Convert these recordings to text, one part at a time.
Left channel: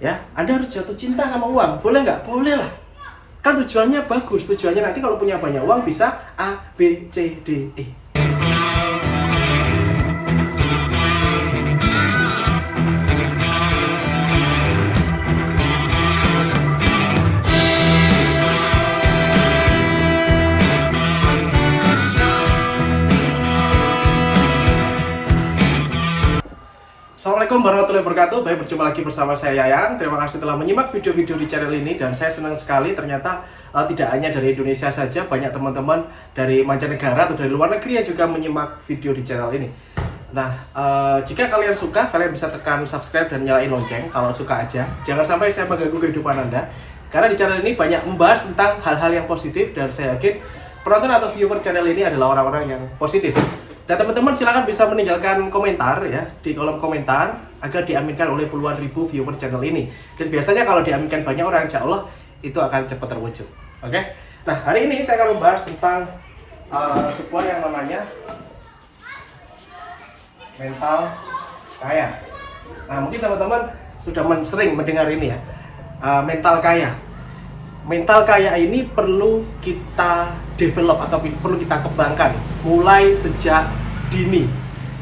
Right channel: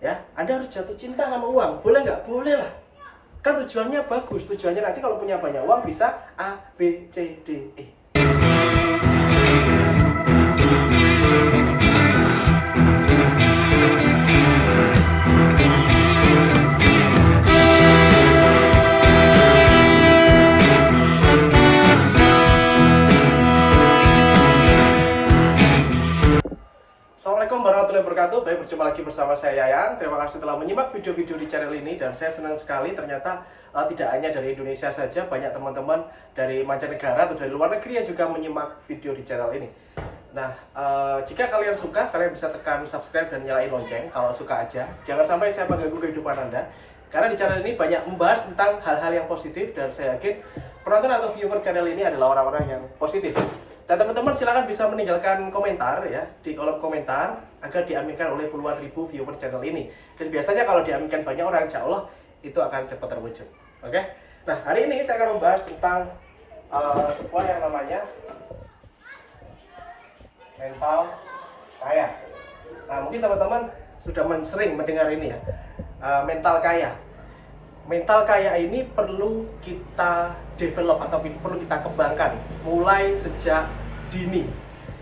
Ya, Anda harus jatuh cinta sama uang. Boleh nggak? Boleh lah. Kan tujuannya bagus. Tujuannya nanti kalau punya banyak uang bisa A, B, C, D, E. Assalamualaikum warahmatullahi wabarakatuh. Baik, berjumpa lagi bersama saya Yayan. Terima kasih telah menyimak video-video di channel ini. Dan saya senang sekali ternyata tidak hanya dari Indonesia saja, banyak teman-teman dari mancanegara atau dari luar negeri yang juga menyimak video di channel ini. Nah, jika kalian suka, kalian bisa tekan subscribe dan nyalain lonceng kalau suka aja. Jangan sampai saya mengganggu kehidupan Anda. Karena di channel ini banyak membahas tentang hal-hal yang positif. Dan saya yakin penonton atau viewer channel ini adalah orang-orang yang positif. Dan teman-teman silakan bisa meninggalkan komentar ya di kolom komentar agar diaminkan oleh puluhan ribu viewer channel ini. Dan biasanya kalau diaminkan banyak orang, insya Allah itu akan cepat terwujud. Oke? Nah, hari ini saya akan membahas tentang sebuah yang namanya mental kaya. Nah, mungkin teman-teman sudah sering mendengar ini ya, mental kaya. Mental kaya ini perlu kita develop atau perlu kita kembangkan mulai sejak dini,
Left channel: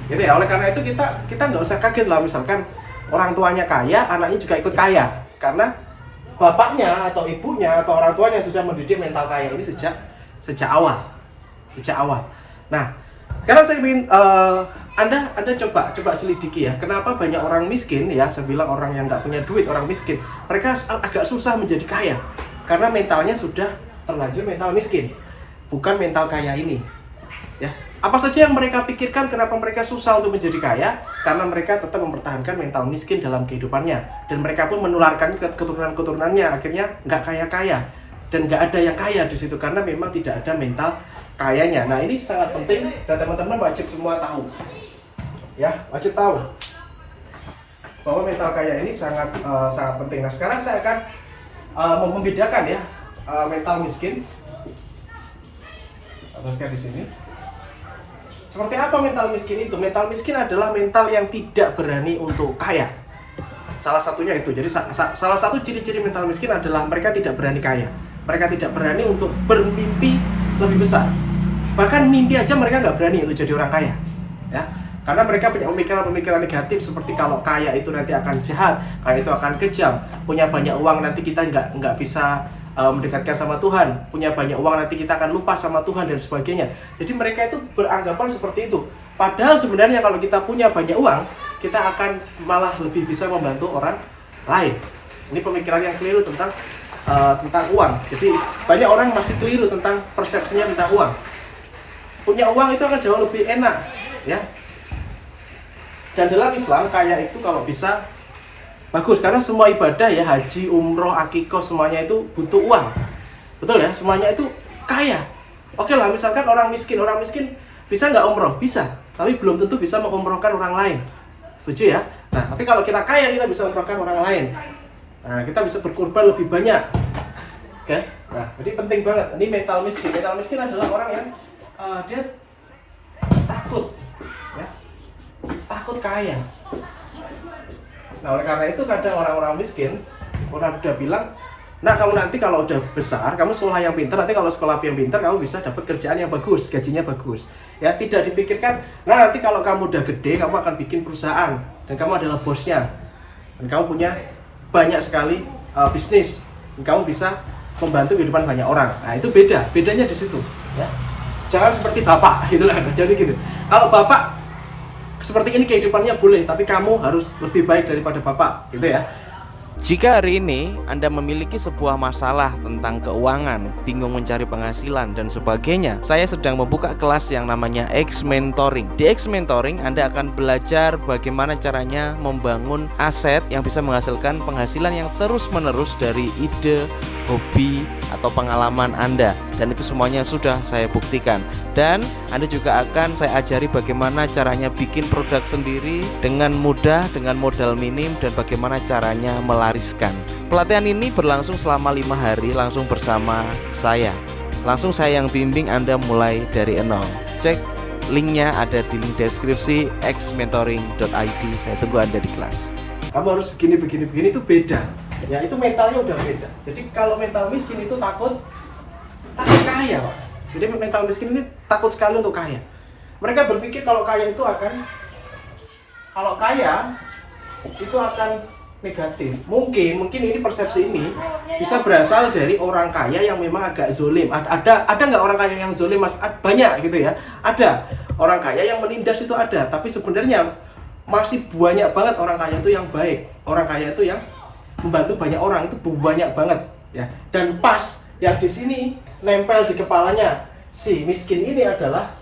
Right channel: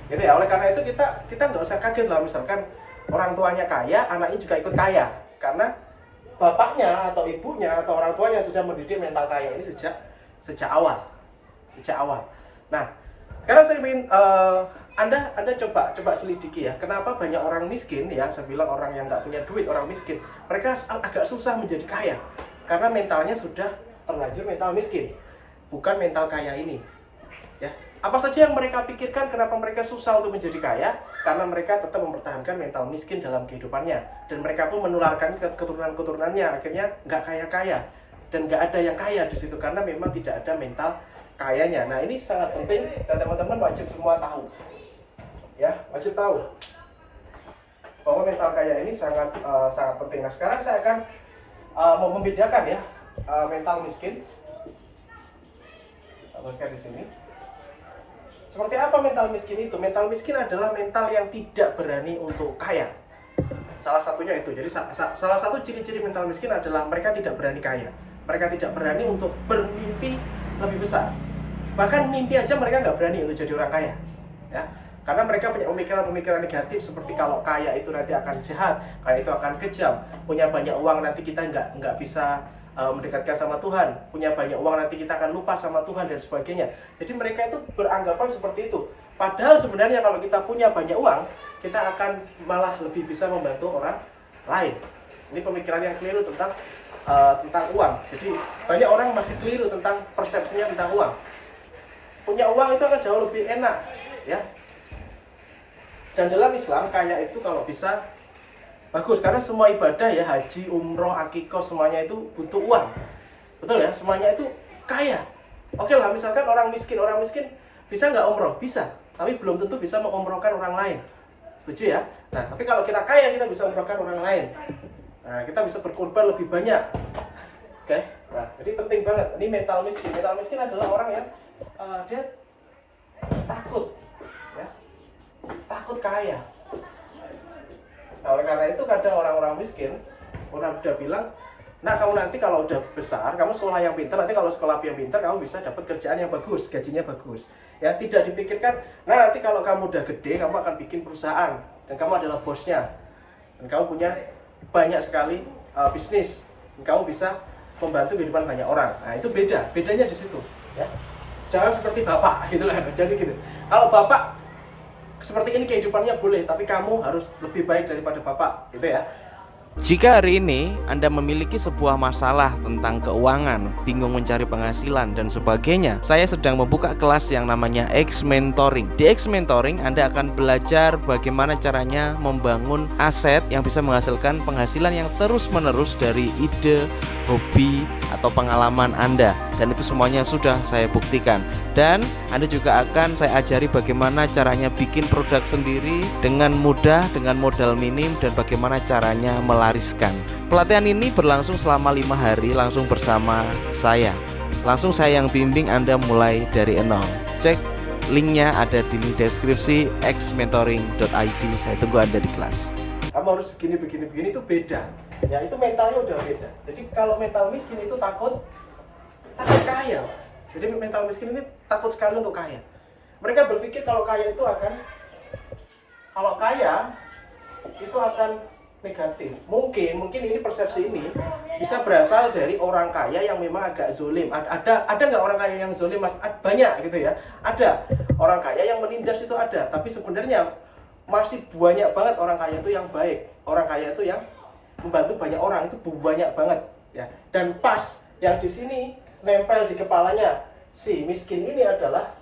gitu ya. Oleh karena itu kita nggak usah kaget lah misalkan orang tuanya kaya, anaknya juga ikut kaya, karena bapaknya atau ibunya atau orang tuanya sudah mendidik mental kaya ini sejak awal. Nah, sekarang saya ingin Anda coba selidiki ya, kenapa banyak orang miskin ya, saya bilang orang yang nggak punya duit, orang miskin, mereka agak susah menjadi kaya. Karena mentalnya sudah terlanjur mental miskin, bukan mental kaya ini. Ya, apa saja yang mereka pikirkan kenapa mereka susah untuk menjadi kaya? Karena mereka tetap mempertahankan mental miskin dalam kehidupannya, dan mereka pun menularkan ke keturunan-keturunannya. Akhirnya nggak kaya-kaya dan nggak ada yang kaya di situ karena memang tidak ada mental kayanya. Nah, ini sangat penting dan teman-teman wajib semua tahu. Ya, wajib tahu bahwa mental kaya ini sangat penting. Nah, sekarang saya akan membedakan ya mental miskin. Teruskan di sini. Seperti apa mental miskin itu? Mental miskin adalah mental yang tidak berani untuk kaya. Salah satunya itu. Jadi salah satu ciri-ciri mental miskin adalah mereka tidak berani kaya. Mereka tidak berani untuk bermimpi lebih besar. Bahkan mimpi aja mereka nggak berani untuk jadi orang kaya. Ya. Karena mereka punya pemikiran-pemikiran negatif seperti kalau kaya itu nanti akan jahat, kaya itu akan kejam, punya banyak uang nanti kita nggak bisa mendekatkan sama Tuhan, punya banyak uang nanti kita akan lupa sama Tuhan dan sebagainya. Jadi mereka itu beranggapan seperti itu. Padahal sebenarnya kalau kita punya banyak uang, kita akan malah lebih bisa membantu orang lain. Ini pemikiran yang keliru tentang uang. Jadi banyak orang masih keliru tentang persepsinya tentang uang. Punya uang itu akan jauh lebih enak, ya. Dan dalam Islam kaya itu kalau bisa bagus, karena semua ibadah ya, haji, umroh, akikoh, semuanya itu butuh uang. Betul ya, semuanya itu kaya. Oke lah, misalkan orang miskin bisa nggak umroh? Bisa, tapi belum tentu bisa mengumrohkan orang lain. Setuju ya? Nah, tapi kalau kita kaya, kita bisa umrohkan orang lain. Nah, kita bisa berkorban lebih banyak. Oke? Nah, jadi penting banget. Ini mental miskin. Mental miskin adalah orang yang dia takut, ya, takut kaya. Nah, oleh karena itu kadang orang-orang miskin udah bilang, nah kamu nanti kalau udah besar, kamu sekolah yang pintar, nanti kalau sekolah yang pintar kamu bisa dapat kerjaan yang bagus, gajinya bagus. Ya, tidak dipikirkan, nah nanti kalau kamu udah gede, kamu akan bikin perusahaan dan kamu adalah bosnya. Dan kamu punya banyak sekali bisnis, dan kamu bisa membantu kehidupan banyak orang. Nah, itu bedanya di situ, ya. Jangan seperti bapak gitu lah. Jadi gitu. Kalau bapak seperti ini kehidupannya boleh, tapi kamu harus lebih baik daripada bapak, gitu ya. Jika hari ini Anda memiliki sebuah masalah tentang keuangan, bingung mencari penghasilan dan sebagainya, saya sedang membuka kelas yang namanya X Mentoring. Di X Mentoring Anda akan belajar bagaimana caranya membangun aset yang bisa menghasilkan penghasilan yang terus-menerus dari ide, hobi, atau pengalaman Anda. Dan itu semuanya sudah saya buktikan. Dan Anda juga akan saya ajari bagaimana caranya bikin produk sendiri dengan mudah, dengan modal minim, dan bagaimana caranya melariskan. Pelatihan ini berlangsung selama 5 hari langsung bersama saya. Langsung saya yang bimbing Anda mulai dari nol. Cek linknya ada di link deskripsi xmentoring.id. Saya tunggu Anda di kelas. kamu harus begini itu beda. Ya itu mentalnya udah beda. Jadi kalau mental miskin itu takut kaya, Pak. Jadi mental miskin ini takut sekali untuk kaya. Mereka berpikir kalau kaya itu akan negatif. Mungkin ini persepsi ini bisa berasal dari orang kaya yang memang agak zolim. Ada nggak orang kaya yang zolim, Mas? Banyak gitu ya. Ada orang kaya yang menindas itu ada. Tapi sebenarnya masih banyak banget orang kaya itu yang baik. Orang kaya itu yang membantu banyak orang, itu banyak banget ya. Dan pas yang di sini nempel di kepalanya si miskin ini adalah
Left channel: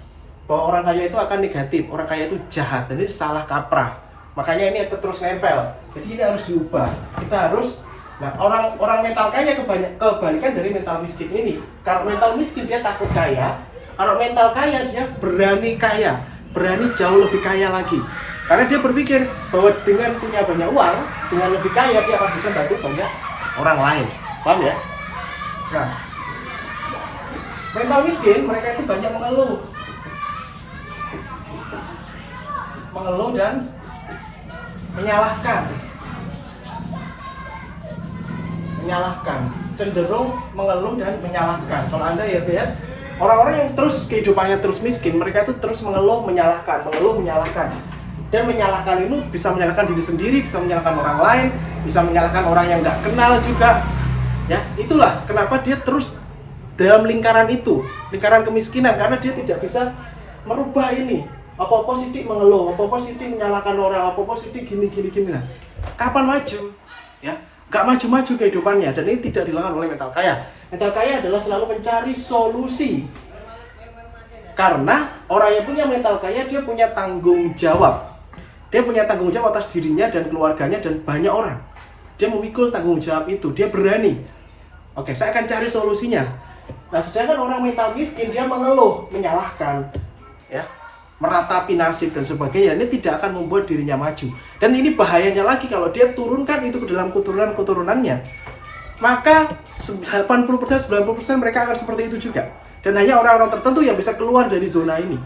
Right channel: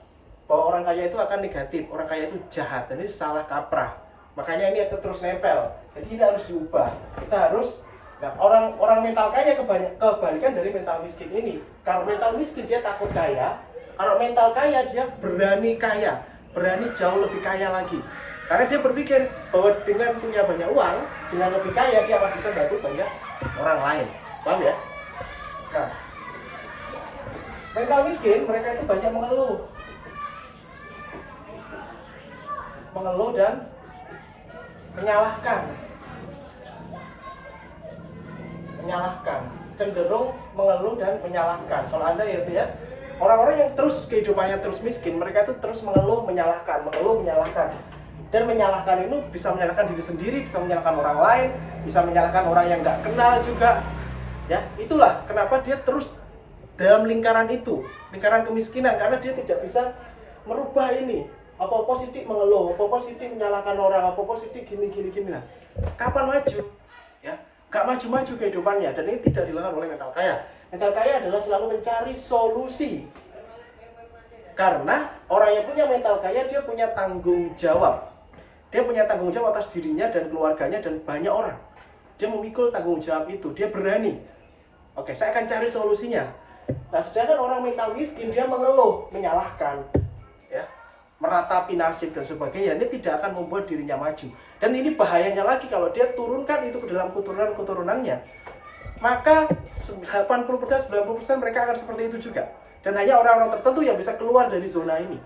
bahwa orang kaya itu akan negatif, orang kaya itu jahat, dan ini salah kaprah. Makanya ini terus nempel. Jadi ini harus diubah. Kita harus, nah orang mental kaya kebalikan dari mental miskin ini. Kalau mental miskin dia takut kaya, kalau mental kaya dia berani kaya, berani jauh lebih kaya lagi. Karena dia berpikir bahwa dengan punya banyak uang, dengan lebih kaya dia akan bisa bantu banyak orang lain. Paham ya? Nah, mental miskin mereka itu banyak mengeluh dan menyalahkan, cenderung mengeluh dan menyalahkan. Soal Anda ya, orang-orang yang terus kehidupannya terus miskin, mereka itu terus mengeluh, menyalahkan, dan menyalahkan itu bisa menyalahkan diri sendiri, bisa menyalahkan orang lain, bisa menyalahkan orang yang nggak kenal juga. Ya, itulah kenapa dia terus dalam lingkaran itu, lingkaran kemiskinan, karena dia tidak bisa merubah ini. Apa-apa sidik mengeluh, apa-apa sidik menyalahkan orang, apa-apa sidik gini. Nah, kapan maju? Ya, nggak maju-maju kehidupannya, dan ini tidak dilakukan oleh mental kaya. Mental kaya adalah selalu mencari solusi. Karena orang yang punya mental kaya, dia punya tanggung jawab. Dia punya tanggung jawab atas dirinya dan keluarganya dan banyak orang. Dia memikul tanggung jawab itu, dia berani. Oke, saya akan cari solusinya. Nah, sedangkan orang mental miskin, dia mengeluh, menyalahkan, ya, meratapi nasib dan sebagainya. Ini tidak akan membuat dirinya maju. Dan ini bahayanya lagi kalau dia turunkan itu ke dalam keturunannya. Maka 80-90% mereka akan seperti itu juga. Dan hanya orang-orang tertentu yang bisa keluar dari zona ini.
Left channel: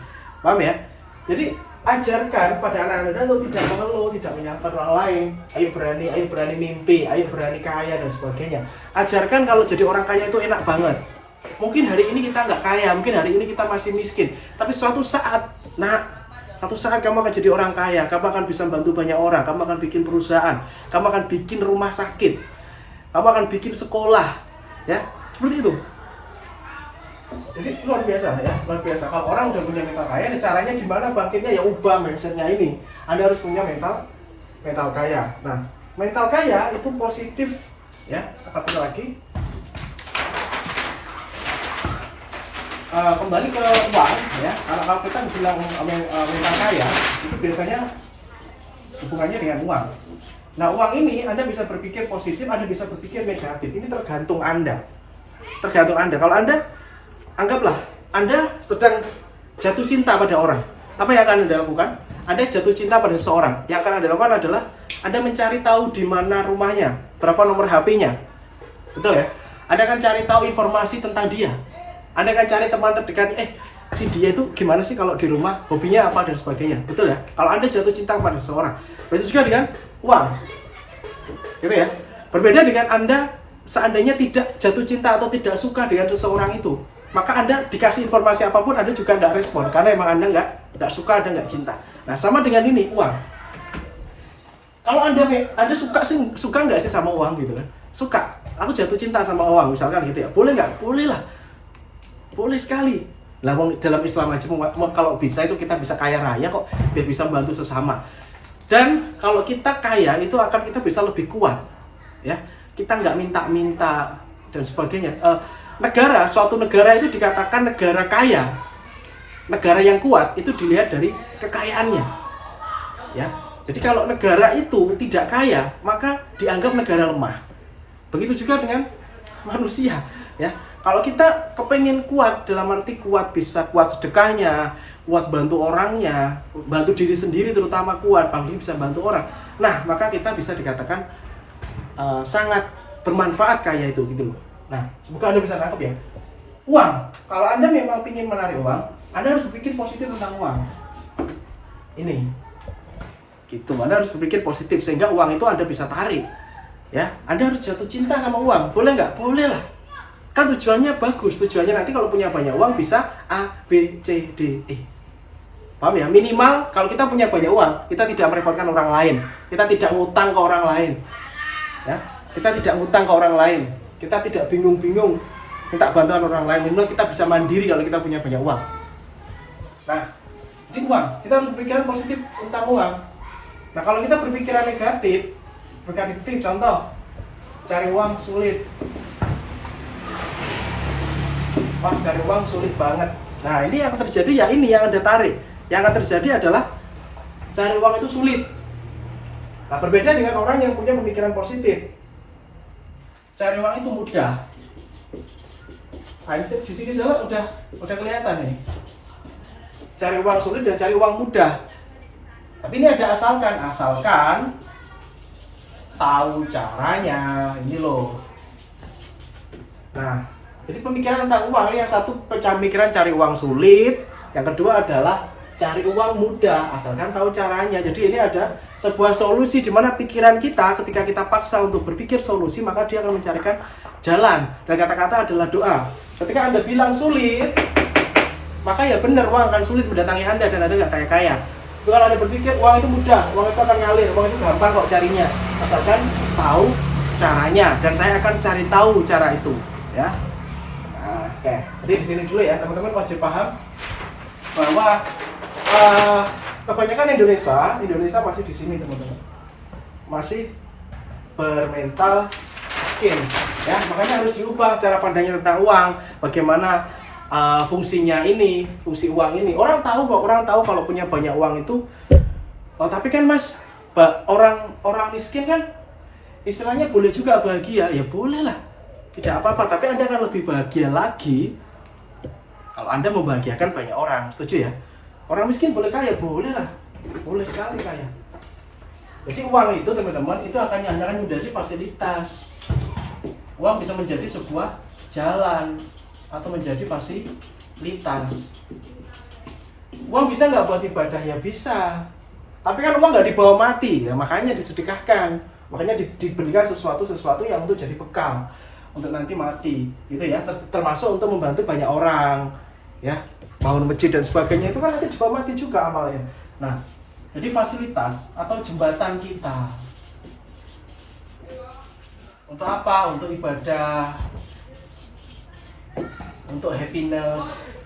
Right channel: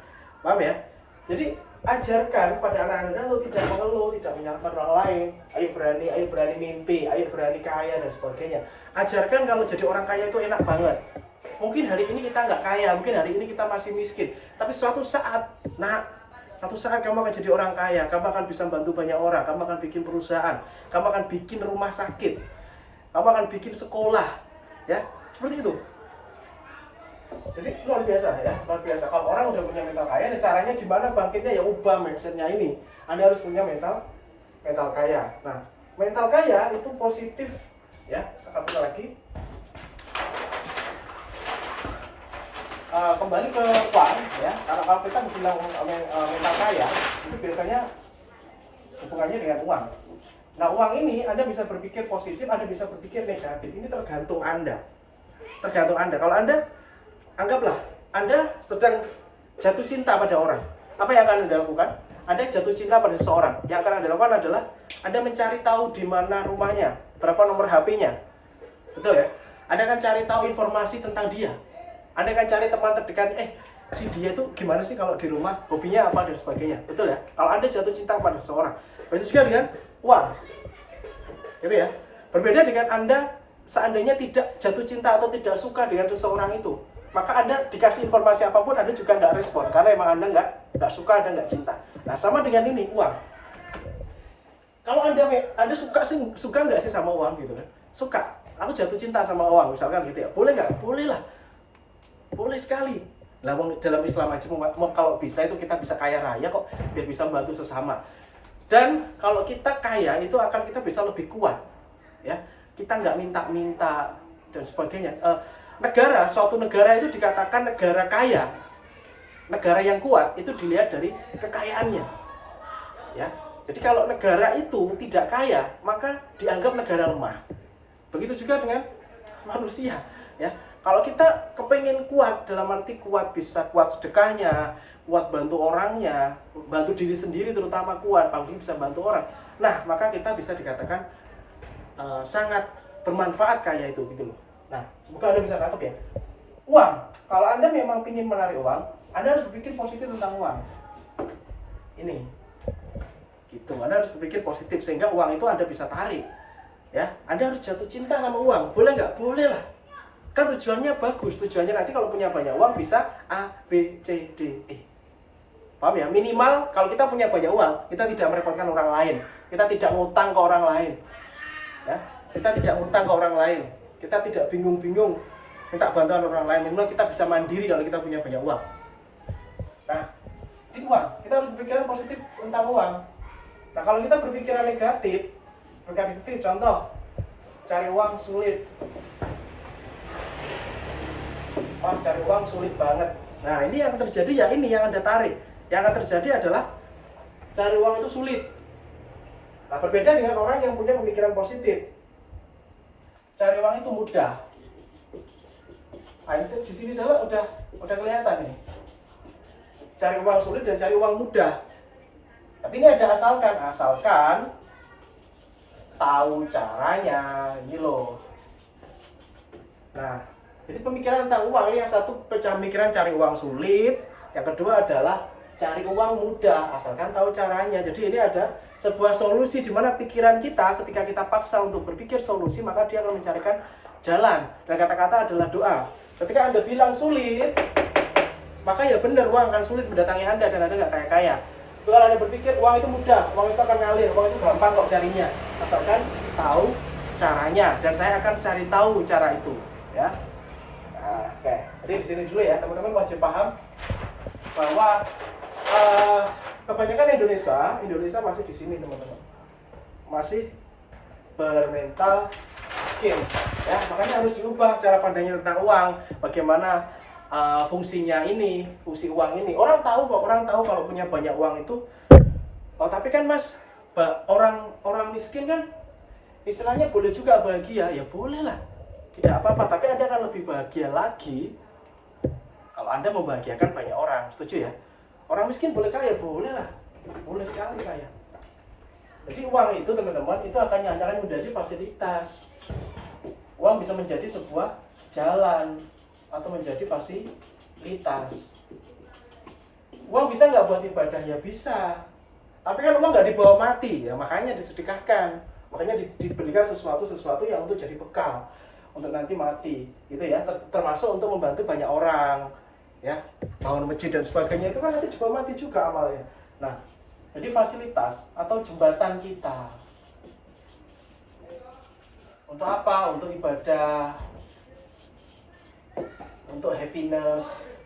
Paham ya? Jadi ajarkan pada anak-anak untuk tidak mengeluh, tidak menyalahkan orang lain. Ayo berani mimpi, ayo berani kaya dan sebagainya. Ajarkan kalau jadi orang kaya itu enak banget. Mungkin hari ini kita nggak kaya, mungkin hari ini kita masih miskin. Tapi suatu saat kamu akan jadi orang kaya, kamu akan bisa bantu banyak orang, kamu akan bikin perusahaan, kamu akan bikin rumah sakit, kamu akan bikin sekolah, ya, seperti itu. Jadi luar biasa ya, luar biasa. Kalau orang udah punya mental kaya, caranya gimana bangkitnya? Ya ubah mindsetnya ini. Anda harus punya mental kaya. Nah, mental kaya itu positif, ya. Satu lagi. Kembali ke uang, ya. Kalau kita bilang mental kaya, itu biasanya hubungannya dengan uang. Nah, uang ini Anda bisa berpikir positif, Anda bisa berpikir negatif. Ini tergantung Anda. Kalau Anda anggaplah Anda sedang jatuh cinta pada orang, apa yang akan Anda lakukan? Anda jatuh cinta pada seseorang. Yang akan Anda lakukan adalah Anda mencari tahu di mana rumahnya, berapa nomor HP-nya. Betul ya? Anda akan cari tahu informasi tentang dia. Anda akan cari teman terdekat, si dia itu gimana sih kalau di rumah, hobinya apa dan sebagainya. Betul ya? Kalau Anda jatuh cinta pada seseorang. Begitu juga dengan uang. Gitu ya? Berbeda dengan Anda seandainya tidak jatuh cinta atau tidak suka dengan seseorang itu. Maka Anda dikasih informasi apapun, Anda juga nggak respon. Karena emang Anda nggak suka, Anda nggak cinta. Nah, sama dengan ini, uang. Kalau Anda suka nggak sih sama uang gitu kan? Suka. Aku jatuh cinta sama uang, misalkan gitu ya. Boleh nggak? Boleh lah. Boleh sekali. Nah, dalam Islam aja kalau bisa itu kita bisa kaya raya kok, biar bisa membantu sesama. Dan kalau kita kaya itu akan kita bisa lebih kuat. Ya. Kita nggak minta-minta dan sebagainya. Suatu negara itu dikatakan negara kaya, negara yang kuat itu dilihat dari kekayaannya, ya. Jadi kalau negara itu tidak kaya, maka dianggap negara lemah. Begitu juga dengan manusia, ya. Kalau kita kepengen kuat, dalam arti kuat bisa kuat sedekahnya, kuat bantu orangnya, bantu diri sendiri terutama kuat, paling bisa bantu orang. Nah, maka kita bisa dikatakan sangat bermanfaat kaya itu gitu loh. Nah, semoga Anda bisa nangkep ya. Uang, kalau Anda memang ingin menarik uang, Anda harus berpikir positif tentang uang. Ini Gitu. Anda harus berpikir positif sehingga uang itu Anda bisa tarik. Ya, Anda harus jatuh cinta sama uang. Boleh nggak? Boleh lah. Kan tujuannya bagus. Tujuannya nanti kalau punya banyak uang bisa A, B, C, D, E. Paham ya? Minimal kalau kita punya banyak uang, kita tidak merepotkan orang lain. Kita tidak ngutang ke orang lain. Ya, kita tidak ngutang ke orang lain. Kita tidak bingung-bingung minta bantuan orang lain. Minimal kita bisa mandiri kalau kita punya banyak uang. Nah, di uang, kita harus berpikiran positif tentang uang. Nah, kalau kita berpikiran negatif, contoh, cari uang sulit. Wah, cari uang sulit banget. Nah, ini yang terjadi ya ini yang Anda tarik. Yang akan terjadi adalah cari uang itu sulit. Nah, berbeda dengan orang yang punya pemikiran positif. Cari uang itu mudah. Nah, di sini salah udah kelihatan nih. Cari uang sulit dan cari uang mudah. Tapi ini ada asalkan tahu caranya, ini loh. Nah, jadi pemikiran tentang uang ini yang satu pemikiran cari uang sulit, yang kedua adalah cari uang mudah, asalkan tahu caranya. Jadi ini ada sebuah solusi di mana pikiran kita ketika kita paksa untuk berpikir solusi, maka dia akan mencarikan jalan. Dan kata-kata adalah doa. Ketika Anda bilang sulit, maka ya benar uang akan sulit mendatangi Anda dan Anda nggak kaya-kaya. Kalau Anda berpikir uang itu mudah, uang itu akan ngalir, uang itu gampang kok carinya, asalkan tahu caranya, dan saya akan cari tahu cara itu, ya. Nah, oke. Jadi di sini dulu ya, teman-teman wajib paham bahwa kebanyakan Indonesia masih di sini, teman-teman, masih bermental miskin, ya. Makanya harus diubah cara pandangnya tentang uang, bagaimana fungsinya ini, fungsi uang ini. Orang tahu kalau punya banyak uang itu. Oh, tapi kan Mas, orang miskin kan istilahnya boleh juga bahagia. Ya boleh lah, tidak apa-apa. Tapi Anda akan lebih bahagia lagi kalau Anda membahagiakan banyak orang. Setuju ya? Orang miskin boleh kaya, boleh lah, boleh sekali kaya. Jadi uang itu, teman-teman, itu hanya menjadi fasilitas. Uang bisa menjadi sebuah jalan atau menjadi fasilitas. Uang bisa nggak buat ibadah? Ya bisa. Tapi kan uang nggak dibawa mati, ya makanya disedekahkan. Makanya diberikan sesuatu yang untuk jadi bekal untuk nanti mati, gitu ya. Termasuk untuk membantu banyak orang, ya, bangun masjid dan sebagainya, itu kan nanti dibawa mati juga amalnya. Nah, jadi fasilitas atau jembatan kita. Untuk apa? Untuk ibadah, untuk happiness,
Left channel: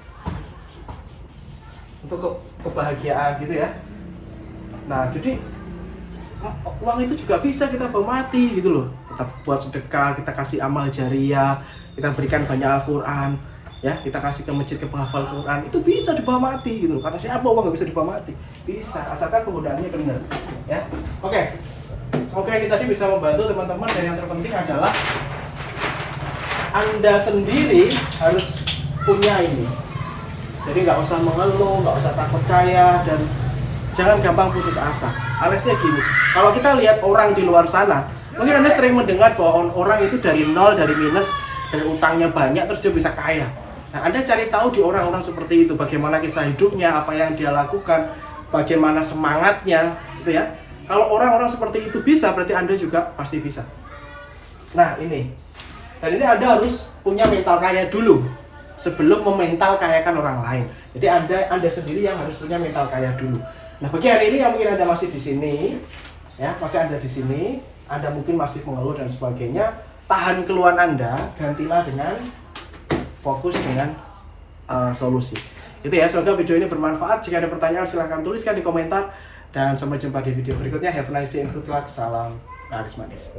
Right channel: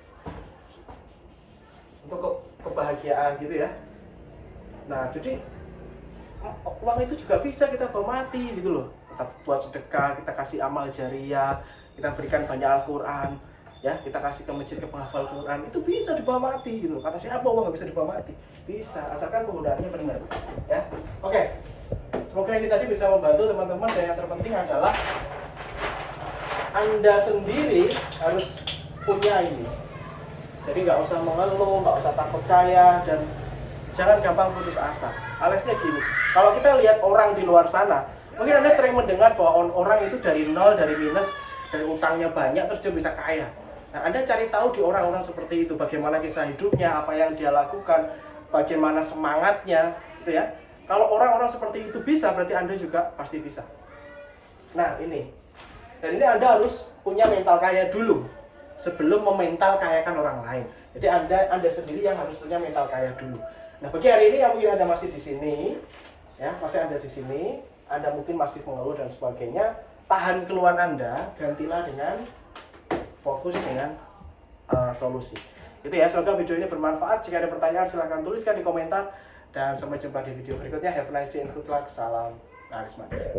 untuk kebahagiaan, gitu ya. Nah, jadi uang itu juga bisa kita bawa mati, gitu loh. Kita buat sedekah, kita kasih amal jariah, kita berikan banyak Al-Quran, ya, kita kasih ke masjid, ke penghafal Quran, itu bisa dibawa mati, gitu loh. Kata siapa uang nggak bisa dibawa mati? Bisa, asalkan penggunaannya benar, ya. Oke, semoga ini tadi bisa membantu teman-teman, dan yang terpenting adalah Anda sendiri harus punya ini. Jadi nggak usah mengeluh, nggak usah takut kaya, dan jangan gampang putus asa. Aliasnya gini, kalau kita lihat orang di luar sana, mungkin Anda sering mendengar bahwa orang itu dari nol, dari minus, dari utangnya banyak, terus dia bisa kaya. Nah, Anda cari tahu di orang-orang seperti itu, bagaimana kisah hidupnya, apa yang dia lakukan, bagaimana semangatnya, gitu ya. Kalau orang-orang seperti itu bisa, berarti Anda juga pasti bisa. Nah, ini. Dan ini Anda harus punya mental kaya dulu sebelum memental kayakan orang lain. Jadi Anda sendiri yang harus punya mental kaya dulu. Nah, bagi hari ini yang mungkin Anda masih di sini, ya, masih ada di sini, Anda mungkin masih mengeluh dan sebagainya, tahan keluhan Anda, gantilah dengan fokus dengan solusi. Itu ya, semoga video ini bermanfaat. Jika ada pertanyaan silahkan tuliskan di komentar, dan sampai jumpa di video berikutnya. Have a nice day and good luck. Salam karismatis.